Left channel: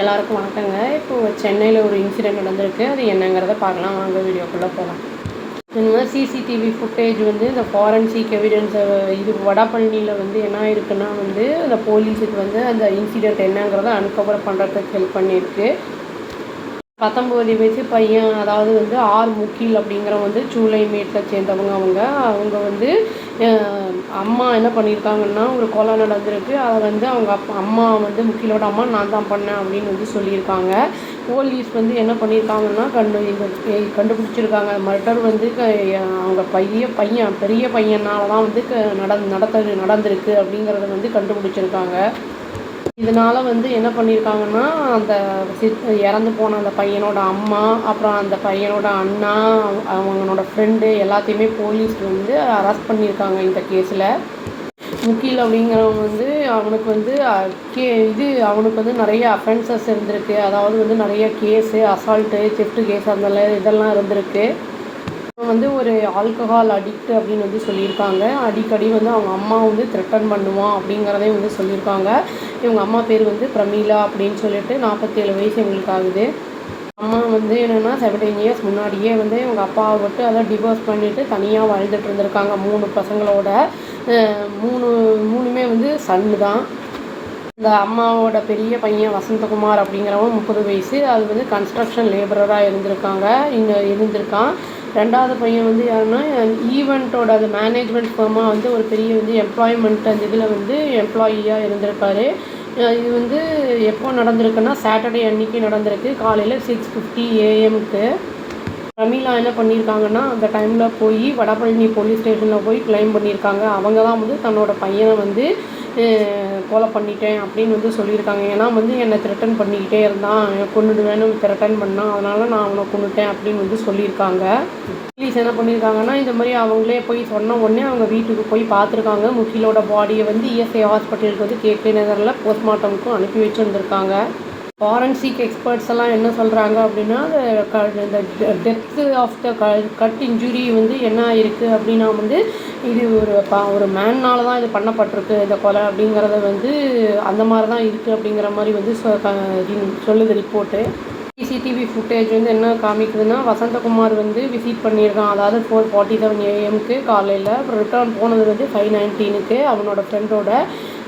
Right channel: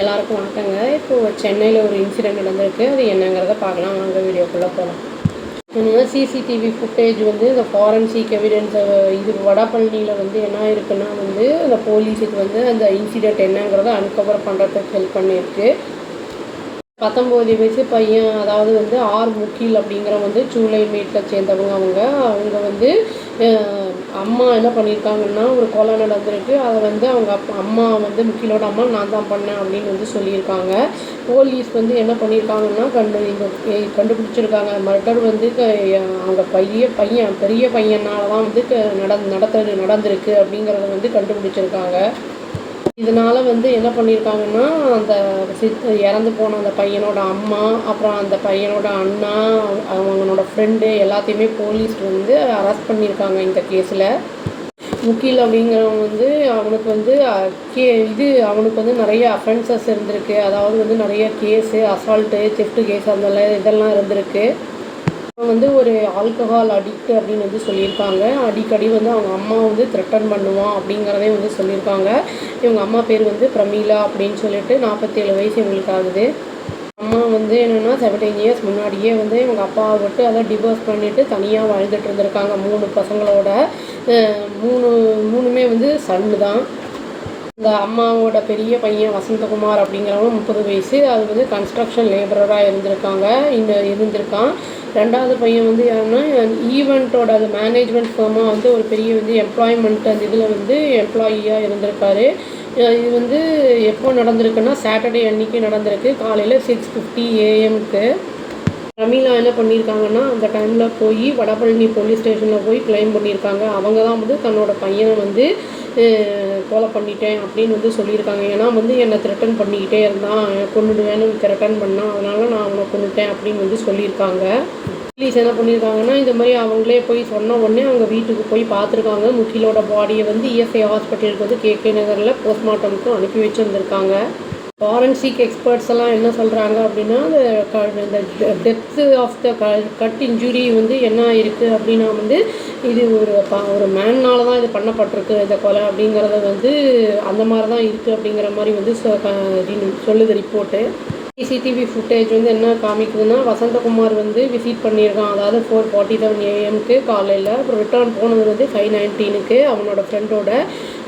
எல்லாருக்கும் வணக்கங்க. இப்போது சென்னையில் ஒரு இன்சிடெண்ட் நடந்திருக்கு. அது என்னங்கிறத பார்க்கலாம். வாங்க வீடியோக்குள்ளே போகலாம். சிசிடிவி ஃபுட்டேஜ் வந்து இந்த ஃபாரன்சிக் எவிடன்ஸை இது வடபழனியில் வந்து என்ன இருக்குன்னா வந்து அந்த போலீஸுக்கு வந்து அந்த இன்சிடெண்ட் என்னங்கிறத அன்கவர் பண்ணுறதுக்கு ஹெல்ப் பண்ணியிருக்கு. 19 வயசு பையன், அதாவது வந்து ஆர் முகில் அப்படிங்கிற வந்து சூளைமேட்டில் சேர்ந்தவங்க. அவங்க வந்து அம்மா என்ன பண்ணியிருக்காங்கன்னா, ஒரு கொலை நடந்திருக்கு. அதை வந்து அவங்க அம்மா வந்து முகிலோட அம்மா நான் தான் பண்ணேன் அப்படின்னு வந்து சொல்லியிருக்காங்க. போலீஸ் வந்து என்ன பண்ணியிருக்காங்கன்னா கண்டுபிடிச்சிருக்காங்க. மர்டர் வந்து அவங்க பெரிய பையனால் தான் வந்து நடந்திருக்கு அப்படிங்கிறத வந்து கண்டுபிடிச்சிருக்காங்க. இதனால் வந்து என்ன பண்ணியிருக்காங்கன்னா, அந்த இறந்து போன அந்த பையனோட அம்மா, அப்புறம் அந்த பையனோட அண்ணா, அவங்களோட ஃப்ரெண்டு எல்லாத்தையுமே போலீஸ் வந்து அரெஸ்ட் பண்ணியிருக்காங்க இந்த கேஸில். முகில் அப்படிங்கிறவங்க வந்து அவனுக்கு வந்து அவனுக்கு வந்து நிறைய அஃபென்சஸ் இருந்திருக்கு. அதாவது வந்து நிறைய கேஸு, அசால்ட்டு, தெஃப்ட் கேஸ் இதெல்லாம் இருந்திருக்கு. வந்து ஒரு ஆல்கஹால் அடிக்ட் அப்படின்னு வந்து சொல்லியிருக்காங்க. அடிக்கடி வந்து அவங்க அம்மா வந்து த்ரெட்டன் பண்ணுவான் அப்படிங்கிறதையும் வந்து சொல்லியிருக்காங்க. இவங்க அம்மா பேர் வந்து பிரமீளா அப்படின்னு சொல்லிட்டு 47 வயசு இவங்களுக்கு ஆகுது. அம்மா வந்து என்னென்னா 17 இயர்ஸ் முன்னாடியே வந்து இவங்க அப்பாவை விட்டு அதை டிவோர்ஸ் பண்ணிவிட்டு தனியாக வாழ்ந்துட்டு இருந்திருக்காங்க 3 பசங்களோட. மூணுமே வந்து சன்னு தான். இந்த அம்மாவோட பெரிய பையன் வசந்தகுமார் அப்படிங்கிறவங்க 30 வயசு. அது வந்து கன்ஸ்ட்ரக்ஷன் லேபரராக இருந்திருக்கான். ரெண்டாவது பையன் வந்து யாருன்னா ஈவெண்ட்டோட அது மேனேஜ்மெண்ட் ஃபார்மாக வந்து ஒரு பெரிய வந்து எம்ப்ளாய்மெண்ட் அந்த இதில் வந்து எம்ப்ளாயியாக இருந்திருக்காரு. இது வந்து எப்போ நடந்திருக்குன்னா சாட்டர்டே அன்றைக்கி நடந்திருக்கு. காலையில் 6:50 AM. பிரமீளா என்ன பண்ணியிருக்காங்கன்னா, அந்த டைமில் போய் வடபழனி போலீஸ் ஸ்டேஷனில் போய் கிளைம் பண்ணியிருக்காங்க. அவங்க தான் வந்து தன்னோட பையனை வந்து கொலை பண்ணிட்டேன் அப்படின்னு வந்து சொல்லியிருக்காங்க. ஏன்னா வந்து என்னை த்ரெட்டன் பண்ணிக்கிட்டே இருந்தான், கொன்னுடுவேன்னு த்ரெட்டன் பண்ணான், அதனால் நான் அவனை கொன்னுட்டேன் அப்படின்னு வந்து சொல்லியிருக்காங்க. போலீஸ் என்ன பண்ணியிருக்காங்கன்னா, இந்த மாதிரி அவங்களே போய் சொன்ன உடனே அவங்க வீட்டுக்கு போய் பார்த்துருக்காங்க. முகிலோட பாடியை வந்து இஎஸ்ஐ ஹாஸ்பிட்டலுக்கு வந்து KK நகரில் போஸ்ட்மார்ட்டமுக்கு அனுப்பி வச்சுருந்துருக்காங்க. ஃபாரன்சிக் எக்ஸ்பர்ட்ஸ் எல்லாம் என்ன சொல்கிறாங்க அப்படின்னா, இந்த depth of the cut injury வந்து என்ன இருக்குது அப்படின்னா வந்து இது ஒரு மேனால் தான் இது பண்ணப்பட்டிருக்கு இந்த கொலை அப்படிங்கிறது வந்து அந்த மாதிரி தான் இருக்குது அப்படிங்கிற மாதிரி வந்து சொல்லுது ரிப்போர்ட்டு. சிசிடிவி ஃபுட்டேஜ் வந்து என்ன காமிக்குதுன்னா, வசந்தகுமார் வந்து விசிட் பண்ணியிருக்கான். அதாவது 4:47 AM காலையில். அப்புறம் ரிட்டர்ன் போனது வந்து 5:19 அவனோட ஃப்ரெண்டோட.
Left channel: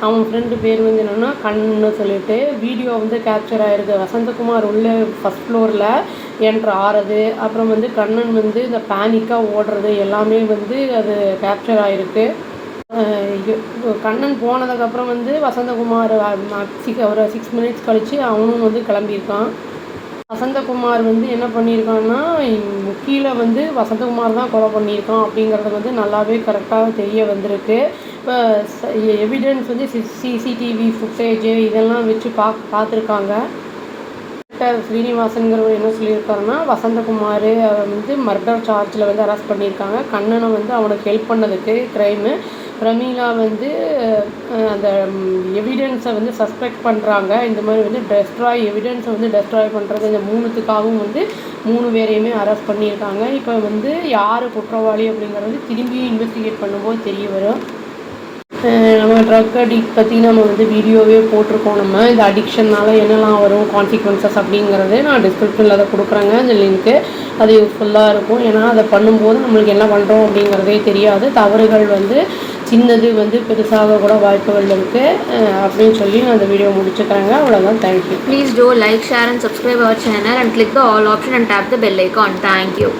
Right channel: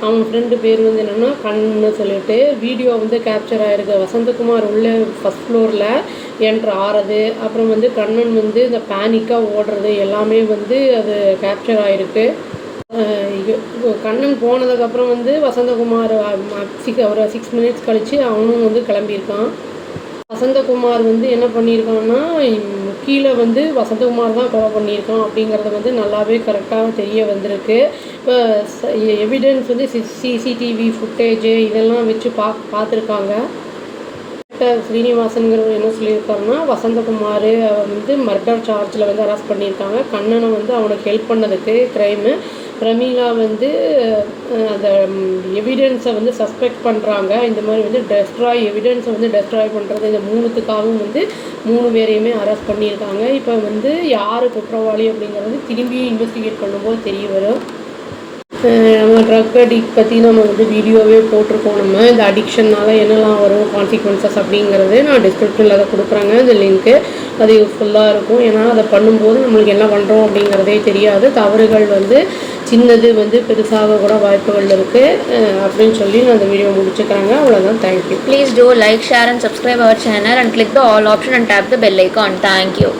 அவன் ஃப்ரெண்டு பேர் வந்து என்னென்னா கண்ணன்னு சொல்லிட்டு வீடியோ வந்து கேப்சர் ஆகிருக்கு. வசந்தகுமார் உள்ளே ஃபஸ்ட் ஃப்ளோரில் என்ட்ரு ஆறது, அப்புறம் வந்து கண்ணன் வந்து இந்த பேனிக்காக ஓடுறது எல்லாமே வந்து அது கேப்சர் ஆகிருக்கு. கண்ணன் போனதுக்கப்புறம் வந்து வசந்தகுமார் ஒரு 6 மினிட்ஸ் கழித்து அவனும் வந்து கிளம்பியிருக்கான். வசந்தகுமார் வந்து என்ன பண்ணியிருக்கான்னா, கீழே வந்து வசந்தகுமார் தான் கொலை பண்ணியிருக்கான் அப்படிங்கிறது வந்து நல்லாவே கரெக்டாக தெரிய வந்திருக்கு. இப்போ எவிடன்ஸ் வந்து சிசிடிவி ஃபுட்டேஜு இதெல்லாம் வச்சு பார்த்துருக்காங்க. ஸ்ரீனிவாசன்கிறவர் என்ன சொல்லியிருக்காருன்னா, வசந்தகுமார் வந்து மர்டர் சார்ஜில் வந்து அரெஸ்ட் பண்ணியிருக்காங்க. கண்ணனை வந்து அவனுக்கு ஹெல்ப் பண்ணதுக்கு க்ரைமு. பிரமீளா வந்து அந்த எவிடன்ஸை வந்து சஸ்பெக்ட் பண்ணுறாங்க. இந்த மாதிரி வந்து எவிடன்ஸை வந்து டெஸ்ட்ராய் பண்ணுறது இந்த 3த்துக்காகவும் வந்து 3 பேரையுமே அரெஸ்ட் பண்ணியிருக்காங்க. இப்போ வந்து யார் குற்றவாளி அப்படிங்கிறது திரும்பி இன்வெஸ்டிகேட் பண்ணும்போது தெரிய வரும். நம்ம ட்ரக் அடிக்ட் பற்றி நம்ம வந்து வீடியோவே போட்டிருக்கோம். நம்ம இந்த அடிக்ஷனால் என்னெல்லாம் வரும் கான்சிக்வன்சஸ் அப்படிங்கிறது நான் டிஸ்கிரிப்ஷனில் அதை கொடுக்குறேங்க. அந்த லிங்க்கு அது யூஸ்ஃபுல்லாக இருக்கும். ஏன்னா அதை பண்ணும்போது நம்மளுக்கு என்ன பண்ணுறோம் அப்படிங்கிறதே தெரியாது. தவறுகள் வந்து சின்னது வந்து பெருசாக கூட வாய்ப்புகள் இருக்குது அப்படின்னு சொல்லி நான் அந்த வீடியோ முடிச்சுக்கிறேங்க. அவ்வளோதான். Thank you. Please do like, share and subscribe our channel and click the all option and tap the bell icon. Thank you.